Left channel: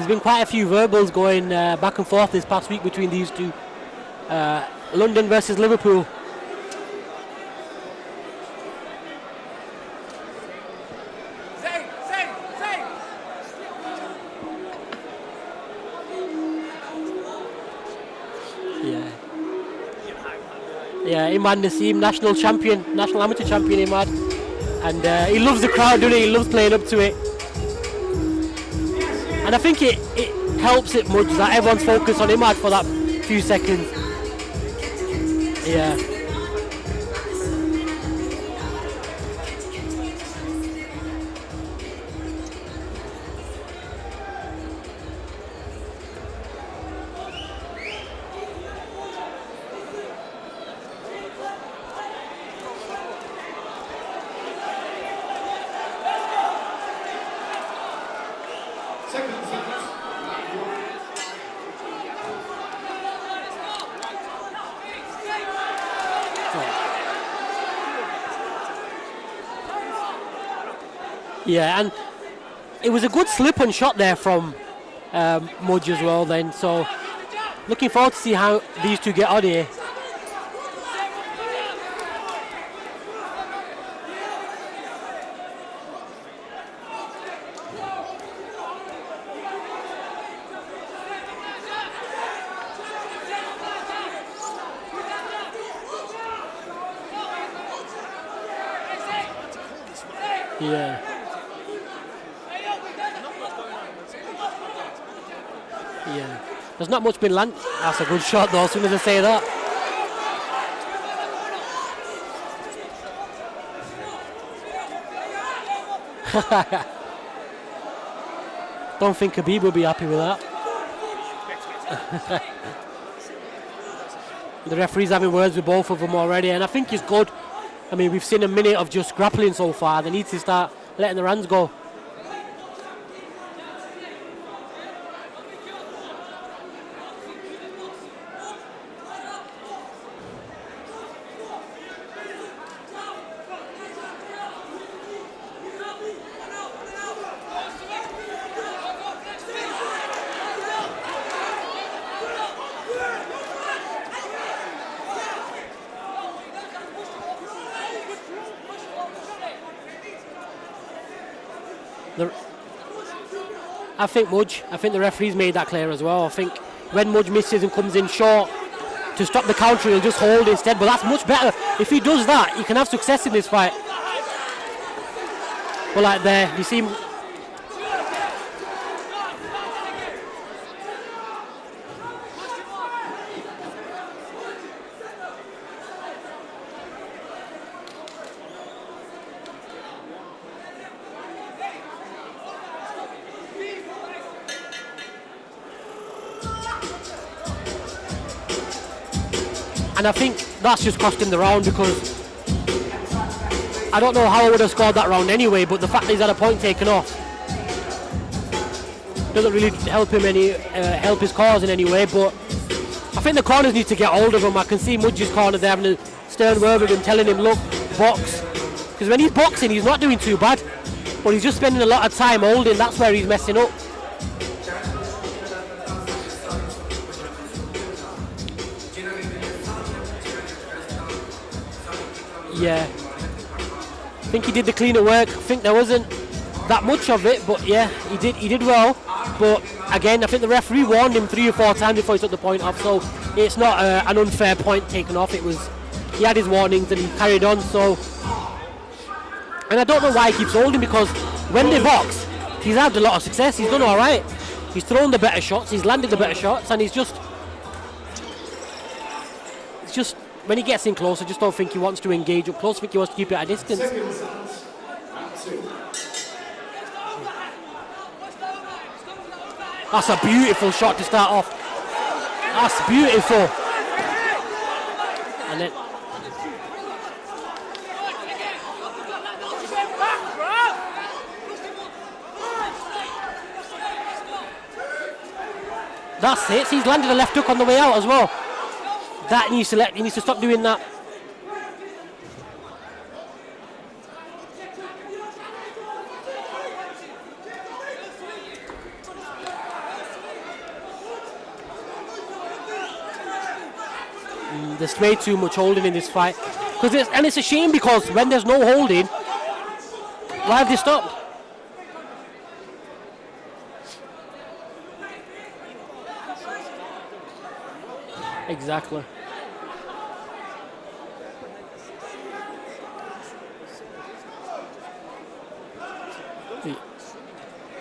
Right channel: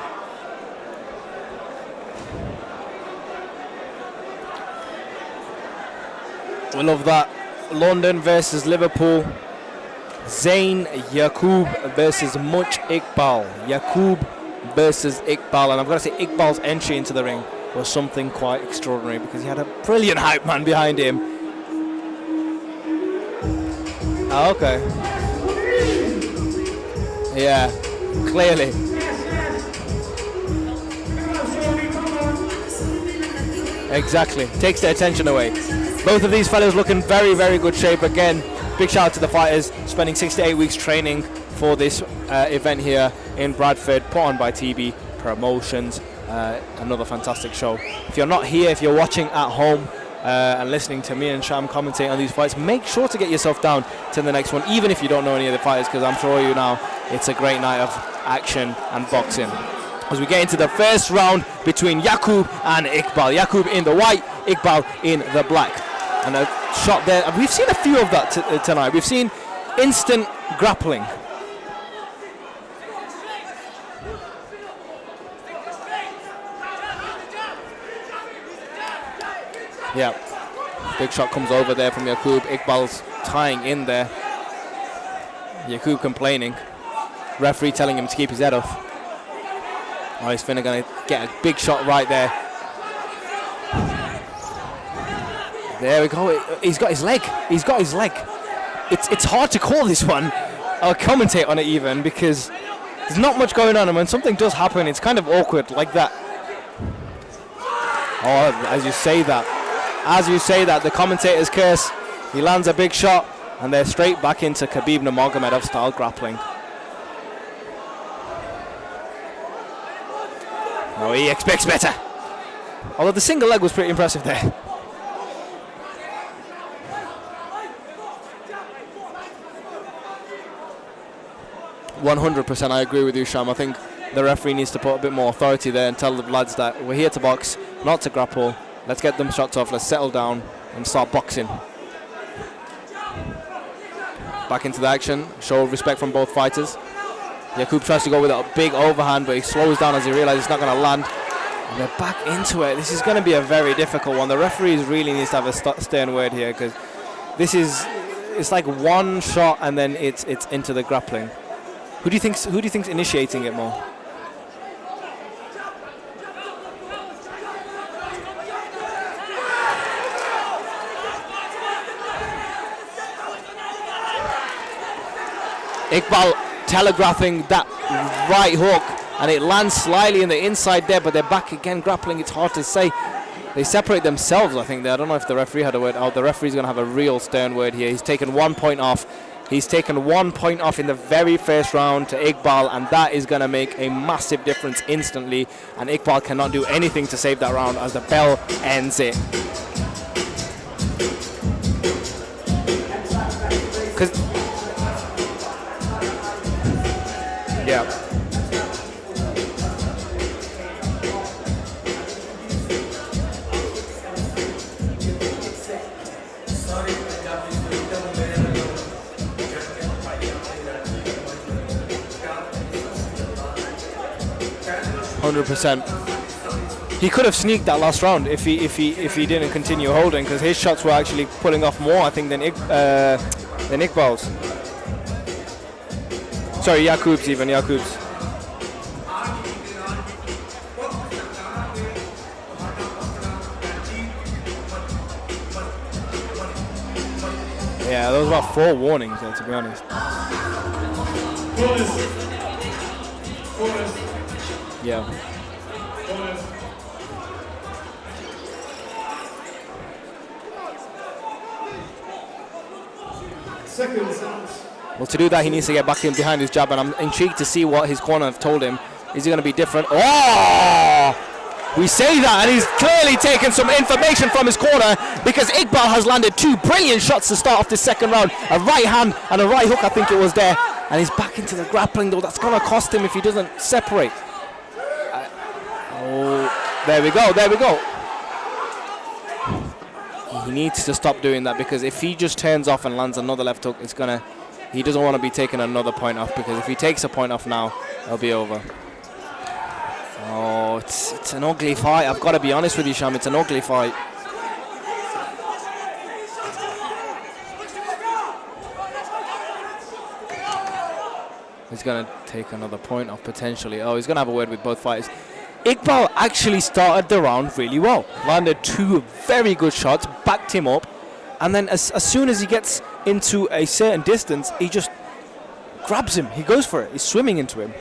there's been quite a few verbals going back and forth this past week between these two. London versus Liverpool. I love that. London versus Liverpool. Zain Yaqub versus Muj Iqbal. Yaqub versus Iqbal. And I've got to say, Iqbal's entry into the ring was something quite extraordinary because he had a brilliant hype man behind him. Yeah, Imad Naseem, national amateur champion Imad. Oh, okay. And he loves the crowd, doesn't he? He loves playing up to it. Yeah, clearly. And I think it helps it much that everyone's focused on Imad for that few seconds. Exactly. Takes the attention away. Yeah. Both of these fellas look in very, very good shape. Again, big shout out to the fighters spending 6 to 8 weeks training for this event here in Bradford, put on by TB Promotions. Another fantastic show. If you're not here, if you're watching at home and listening to me and Sham commentate on these fights, make sure to get yourself down to the next one, even if you don't know any of the fighters, because I'm sure you now it's a great night of action and boxing. As we get into the first round between Yaqub and Iqbal. Yaqub in the white, Iqbal in the black. And a shot there. And we've seen a few of that tonight. We've seen instant grappling. Yeah, and it was a good slip and shot there from Muj as well then. So looking forward to see how these two get on here. Yeah. Big shot comes over there from Yaqub. Iqbal's tying in there. Yaqub complaining. Referee telling him to keep his head off. Oh, he's finna gonna get a big shot right there. There we go. He's got his leg. He's got his leg. It's hard to call this one. Yeah. Or commentate on it even because there's not much going on, and when something does happen, it's kind of awkward like that. Yeah. There's not much been landed. That's a good shot, though. As you say that. As you say that, the commentator's curse. He lands a big shot, and they're straight back into Khabib Nurmagomedov style grappling. Don't think Khabib will be happy with that. No, he expects better. Although the single leg was pretty impressive there. The referee's having words with both of them already, and I think it's good. I mean, we've seen a minute of just grappling so far. They need to start letting the hands go. 100%, I agree with you, Sham. I think the referee needs to put a bit more authority there and tell the lads that we're here to box, not to grapple. Let's get them shots off, let's settle down and start boxing. Back into the action, show respect from both fighters. Yaqub tries to go with a big overhand, but he slows down as he realizes it's not going to land. And they're back into it. This is going to be a very difficult one. The referees really needs to have a stern word here because it's like one shot and then it's into the grappling. Who do you think's initiating it more? I think Muj. I think the referee's made that clear as well. I think when Muj misses and comes in short to stop the counter, he'll just hold instead. But that's much better. If he does that, he can have success in this fight. Iqbal telegraphing that right hook, and it lands slightly in the inside there, but they're back again grappling. It's hard to say. They separate themselves, I think. I don't know if the referee had a word. Oh, the referee's going to have a real stern word here. He's taken 1 point off. He's taken 1 point off in the very first round to Iqbal, and that is going to make a massive difference instantly. And Iqbal cannot do anything to save that round as the bell ends it. And I think that's just cost him the round because I don't know how I would have scored that round anyway, but the fact that he's had a point taken off doesn't really help him help his cause in any way. But I think the corners need to get hold of him. I can see Muj's corner there having a stern word with him, telling him, look, box. Because when he's boxing, he's not doing too bad, but he's just spending a lot of time holding. That's where he's messing up. 100%. He could have sneaked that last round if he didn't continue holding, because his shots were actually pulling off more, I think, than Iqbal's. I think he did the cleaner work. I think there wasn't. Sorry, Yaqub's even. Yeah, he did well. But again, I think the referee warned him 3 or 4 times before he took the point off. So it's not an unfair point taken off. It was. He had his warnings and carried on. So yeah, there was about 4 warnings, to be honest. And I don't know why he keeps holding, because when they box, he's had a lot of success. He's done all right. He's thrown the better shots. He's landed the better shots, and he's just when he gets in close, I just don't think he wants to engage up close. I think he wants to keep it at a distance. Well, to do that, he needs to get back in behind his jab, and I'm intrigued to see what his corner have told him. Is he going to be different? That's a beautiful shot to start off. We say that, and he's clearly taken some information from his corner, because Iqbal has landed 2 brilliant shots to start off this second round. A right hand and a right hook, I think it was there. And he's back into the grappling, though. That's going to cost him if he doesn't separate. That's it. He's landing the left hook on the way out as well. He needs to stop doing that. He needs to stop doing that, because if he just turns off and lands another left hook, he doesn't want to be taking another point off, because if he takes a point off now, it'll be over. Oh, it's an ugly fight. I've got to be honest with you, Sham. It's an ugly fight. There's way too much holding in this fight. And it's a shame because when there's no holding, why have they stopped? He's going to take another point off potentially. Oh, he's going to have a word with both fighters. Iqbal actually started the round really well. Landed two very good shots, backed him up. And then as soon as he gets into a certain distance, he just grabs him. He goes for it. He's swimming into him.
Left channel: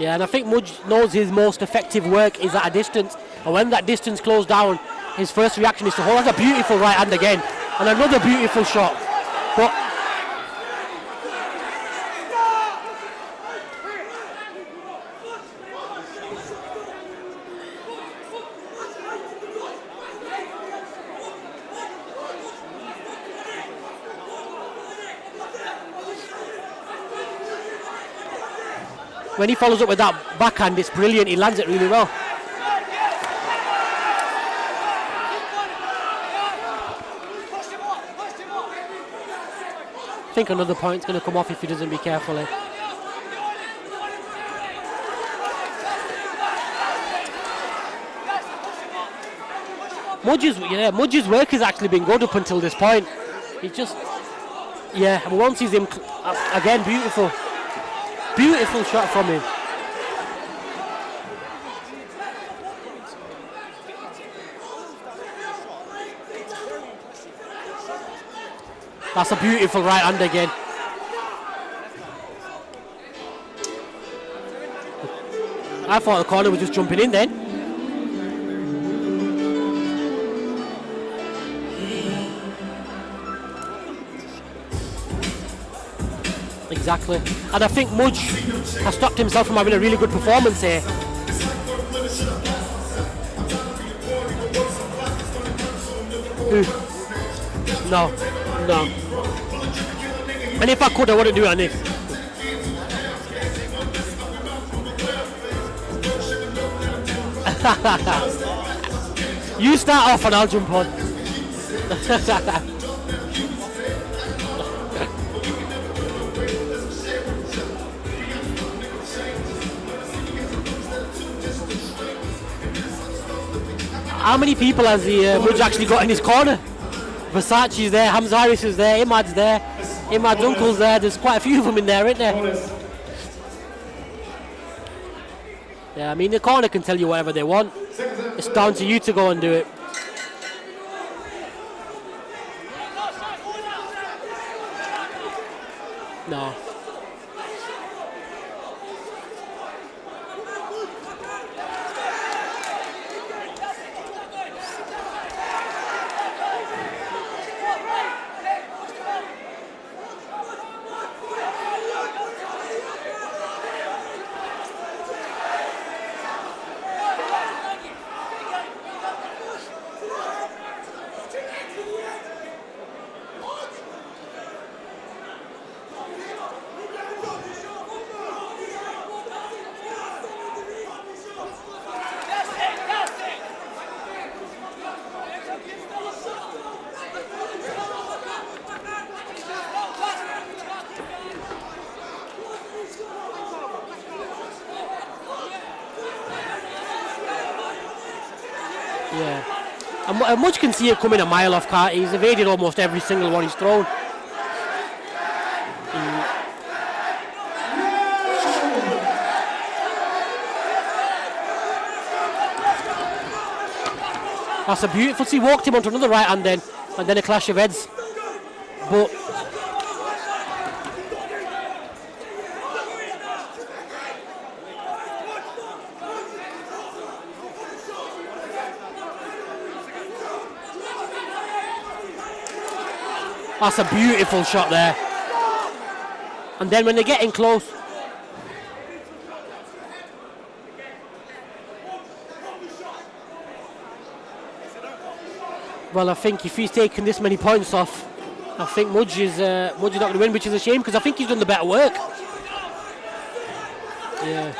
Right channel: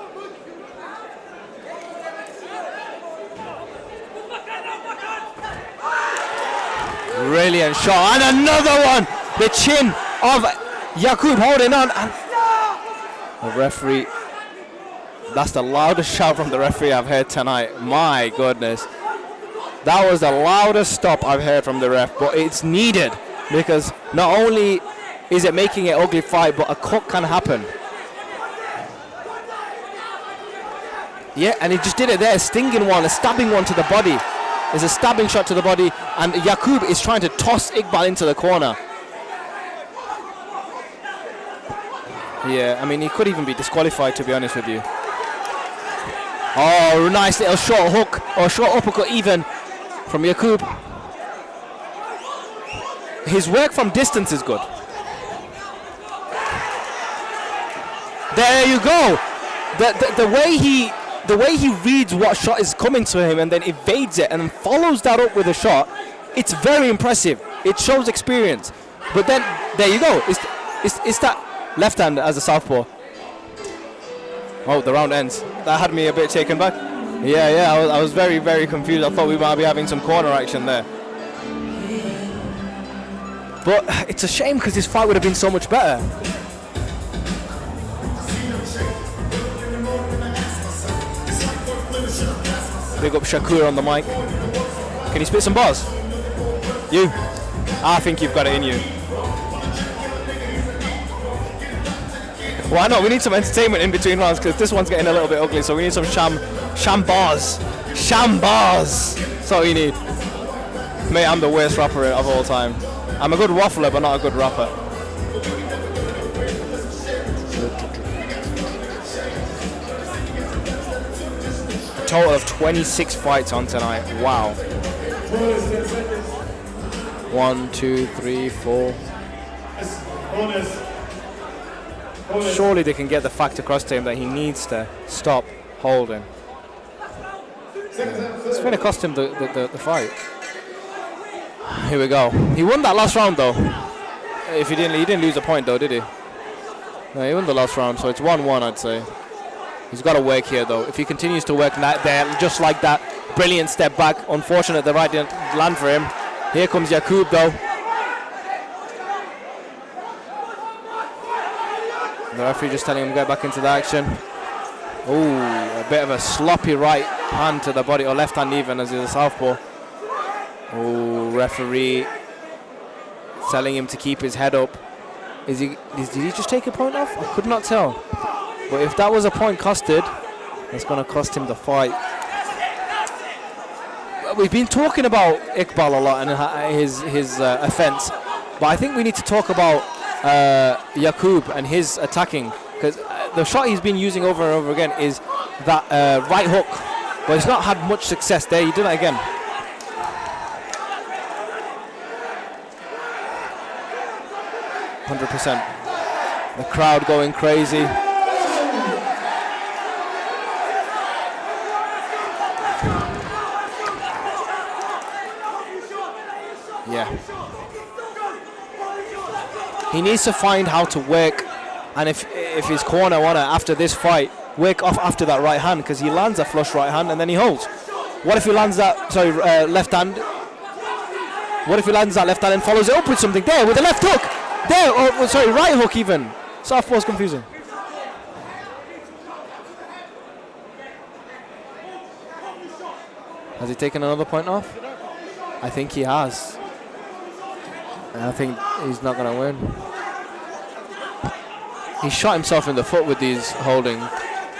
Yeah, and I think Muj knows his most effective work is at a distance. And when that distance closed down, his first reaction is to hold. That's a beautiful right hand again. Brilliant shot. And another one. The chin of Yaqub holding on. And the referee. That's the loudest shout from the referee I've heard tonight. My goodness. That was the loudest stop I've heard from the ref. But it's needed because not only is it making an ugly fight, but a cut can happen. When he follows up with that backhand, it's brilliant. He lands it and he really just did it there, a stinging one, a stabbing one to the body. There's a stabbing shot to the body, and Yaqub is trying to toss Iqbal into the corner. I think another point's going to come off if he doesn't be careful. Yeah, I mean, he could even be disqualified, to be honest with you. Oh, nice little short hook, or short uppercut even from Yaqub. Muj's work has actually been good up until this point. His work from distance is good. Yeah, and once he's in, again, beautiful. There you go. The way he reads what shot is coming to him and then evades it and then follows that up with a shot, it's very impressive. It shows experience. But That's then, beautiful there right you hand go. again. It's that left hand as a southpaw. Oh, the round ends. That had me a bit taken back. Jumping in then. Yeah, I was very, very confused. I thought we might be having some corner action there. But it's a shame because this fight would have been so much better. Exactly. And I think Muj has stopped himself from having a really good performance here. Big up Shakur on the mic. Can you spit some bars? Who? You? No. I think you've got it in you. No. And if I could, I wouldn't do it on this. Why not? We need some entertainment in between rounds because this one's getting a little bit ugly, so we need some sham bars. Sham bars. Sorry. You start off and I'll jump on. Mate, I'm the worst rapper of all time. I'm a good waffler, but not a good rapper. Total of 26 fights on tonight. Wow. How many people has Muj actually got in his corner? Versace's there, Hamzaris is there, Imad's there, Imad's uncle's there. There's quite a few of them in there, isn't there? Surely they can get the fact across to him that he needs to stop holding. Yeah, I mean, the corner can tell you whatever they want. It's down to you to go and do it. The fight. Here we go. He won that last round though. If he didn't lose a point though, did he? No. No, he won the last round, so it's 1-1, I'd say. He's got to work here though. If he continues to work there, just like that, brilliant step back. Unfortunate the right didn't land for him. Here comes Yaqub though. The referee just telling him to get back into the action. Ooh, a bit of a sloppy right hand to the body, or left hand even, as he's a southpaw. Ooh, referee telling him to keep his head up. Did he just take a point off? I could not tell. But if that was a point costed, it's going to cost him the fight. We've been talking about Iqbal a lot and his offense, but I think we need to talk about Yaqub and his attacking, because the shot he's been using over and over again is that right hook, but he's not had much success there. You do that again. Yeah. And Muj can see it coming a mile off. He's evaded almost every single one he's thrown. 100%. The crowd going crazy. That's a beautiful. He walked him onto another right hand then, and then a clash of heads. But he needs to find how to work, and if his corner wanna after this fight work off after that right hand, because he lands a flush right hand and then he holds. What if he lands that left hand? What if he lands that left hand and follows it up with something there? That's with the left beautiful hook. shot there. there. Right hook even. And then when they get in close. Has he taken another point off? I think he has. I think if he's taken this many points off, I think Muj is not going to win, which is a shame because I think he's done the better work. He shot himself in the foot with these holding. Yeah.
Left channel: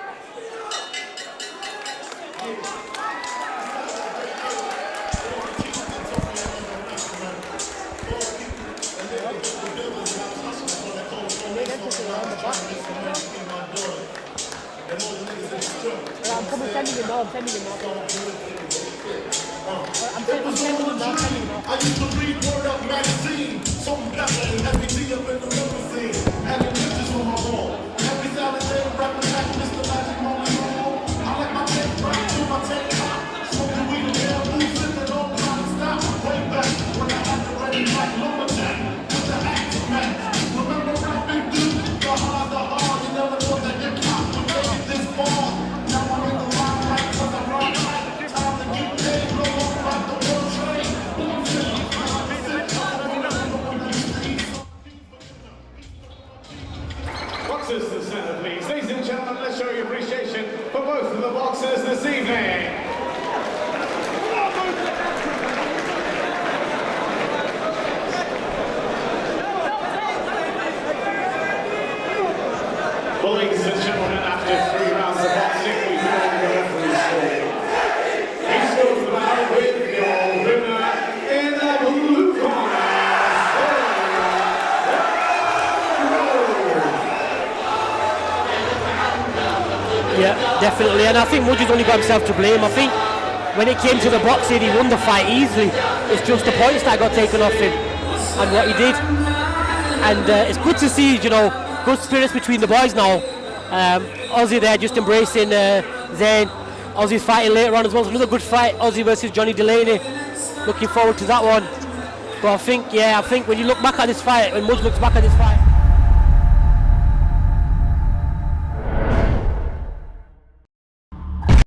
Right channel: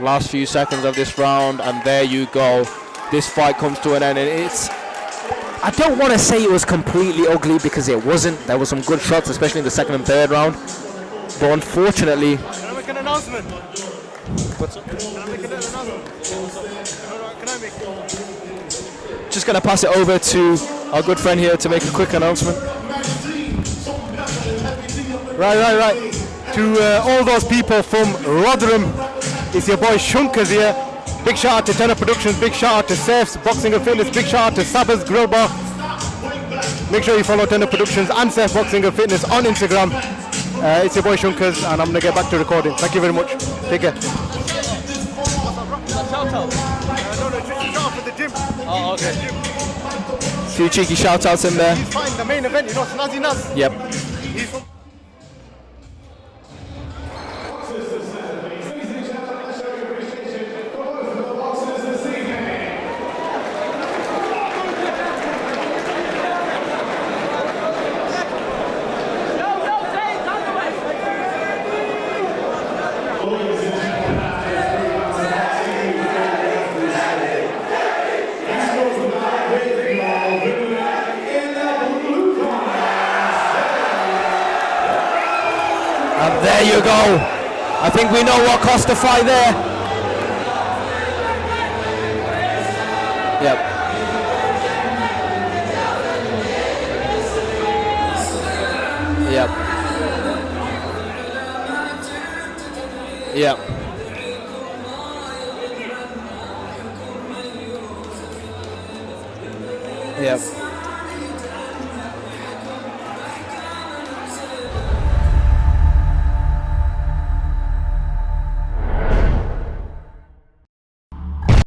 Last few seconds of this round, and there you go. This fight comes to an end, and it's... I don't want to say it was completely ugly because it wasn't. There were some good shots, especially in the second and third round. But unfortunately... Just going to pass it over to our good friend here to make a quick announcement. Right. To all those people from Rotherham, it's your boy Shunkers here. Big shout out to Tenor Productions, big shout out to Seth's Boxing and Fitness, big shout out to Sabba's Grill Bar. Make sure you follow Tenor Productions and Seth Boxing and Fitness on Instagram. It's your boy Shunkers, and I'm going to get back to recording. Thank you very much. Take care. Few cheeky shout outs in there. The main event is not enough. Yep. Boxers to center, please. Ladies and gentlemen, let's show your appreciation for both of the boxers this evening. Well, ladies and gentlemen, after 3 rounds of boxing, we now have to decide. He's spoken about with your winner in the blue corner. There you go. I think we know what cost the fight there. Yeah, definitely. And I think Mudge's only got himself to blame. I think when it came to the boxing, he won the fight easily. It's just the points that got taken off him and what he did. Yeah. And it's good to see, good spirits between the boys now. Yeah. Ozzy there just embracing Zain. Ozzy's fighting later on as well. It's another good fight, Ozzy versus Johnny Delaney. Yeah. Looking forward to that one. But I think when you look back at this fight, when Mudge looks back at this fight,